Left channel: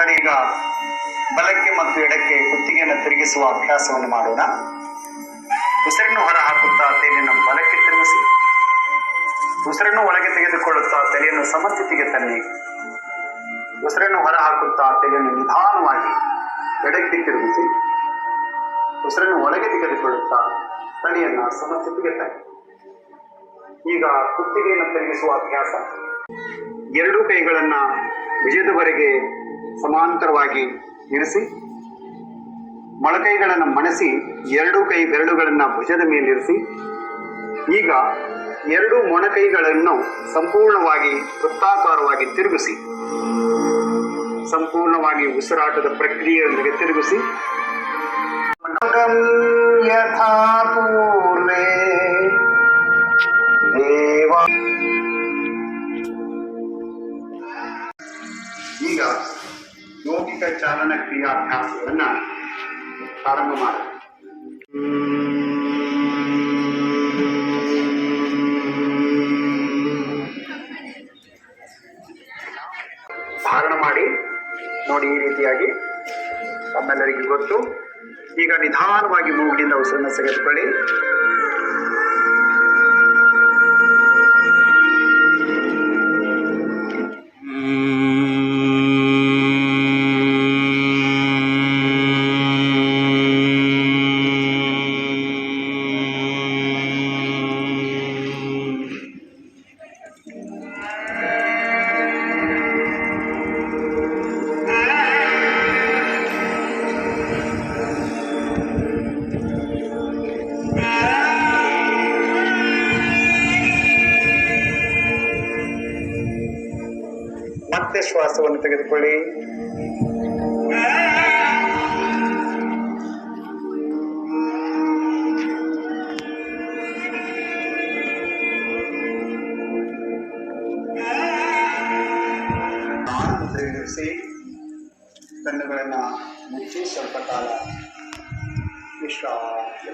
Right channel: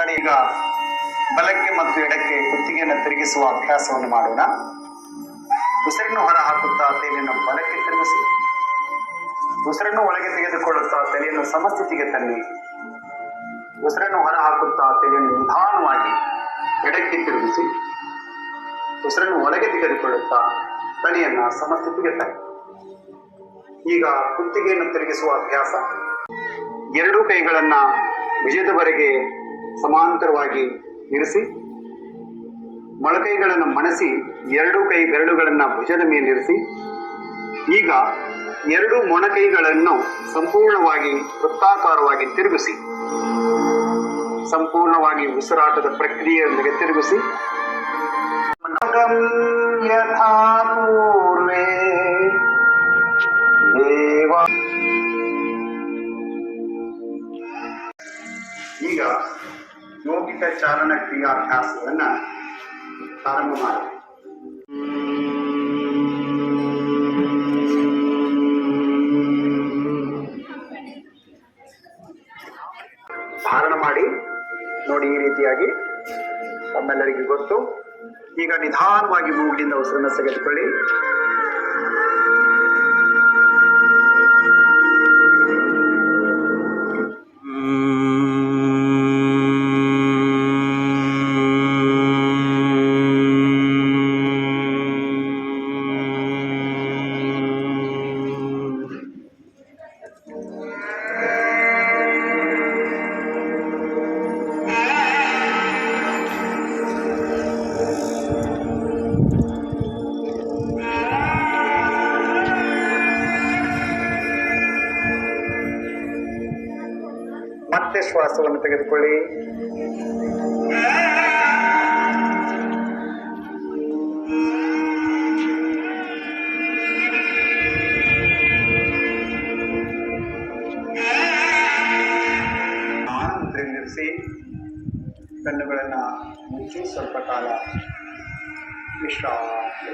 ಈಗ ಬಲಕ್ಕೆ ಮತ್ತು ಎಡಕ್ಕೆ ಕುತ್ತಿಗೆಯನ್ನು ತಿರುಗಿಸುವ ಅಭ್ಯಾಸವನ್ನು ಮಾಡೋಣ. ಉಸಿರನ್ನು ಹೊರ ಹಾಕುತ್ತಾ ತಲೆಯನ್ನು ಬಲಕ್ಕೆ ತಿರುಗಿಸಿ. ಉಸಿರನ್ನು ಒಳಗೆ ತೆಗೆದುಕೊಳ್ಳುತ್ತಾ ತಲೆಯನ್ನು ಸಮಸ್ಥಿತಿಗೆ ತನ್ನಿ. ಉಸಿರನ್ನು ಹೊರ ಹಾಕುತ್ತಾ ತಲೆಯನ್ನು ನಿಧಾನವಾಗಿ ಎಡಕ್ಕೆ ತಿರುಗಿಸಿ. ಉಸಿರನ್ನು ಒಳಗೆ ತೆಗೆದುಕೊಳ್ಳುತ್ತಾ ತಲೆಯನ್ನು ಸಮಸ್ಥಿತಿಗೆ ತನ್ನಿ. ಈಗ ಕುತ್ತಿಗೆಯನ್ನು ತಿರುಗಿಸುವ ಅಭ್ಯಾಸ. ಎರಡೂ ಕೈಗಳನ್ನ ಭುಜದವರೆಗೆ ಸಮಾಂತರವಾಗಿ ಇರಿಸಿ, ಮೊಳಕೈಗಳನ್ನು ಮಣಸಿ, ಎರಡು ಕೈ ಬೆರಳುಗಳನ್ನು ಭುಜದ ಮೇಲಿರಿಸಿ ಈಗ ಎರಡು ಮೊಣಕೈಗಳನ್ನು ಸಂಪೂರ್ಣವಾಗಿ ವೃತ್ತಾಕಾರವಾಗಿ ತಿರುಗಿಸಿ, ಸಂಪೂರ್ಣವಾಗಿ ಉಸಿರಾಟದ ಪ್ರಕ್ರಿಯೆಯೊಂದಿಗೆ ತಿರುಗಿಸಿ. ಯಥಾ ಯೋಗಿಕ ಚಾಲನ ಕ್ರಿಯಾಭ್ಯಾಸವನ್ನ ಪ್ರಾರಂಭ ಮಾಡಿ. ಧಾರಣ ಮಾಡಿ. ನೋಡಿ ಈ ರೀತಿಯಾಗಿ. ತಮ್ಮೆಲ್ಲರಿಗೂ ಗೊತ್ತು. ಈಗ ನಿಧಾನವಾಗಿ ಮೂಗಿನಿಂದ ಉಸಿರನ್ನು ತೆಗೆದುಕೊಳ್ಳಿ. ಮತ್ತೆ ಶ್ವಾಸವನ್ನು ತೆಗೆದುಕೊಳ್ಳಿ. ಮುದ್ರೆಯಲ್ಲಿರಿಸಿ ಕಣ್ಣುಗಳನ್ನು ಮುಚ್ಚಿ ಸ್ವಲ್ಪ ಕಾಲ ವಿಶ್ರಾಂತಿ.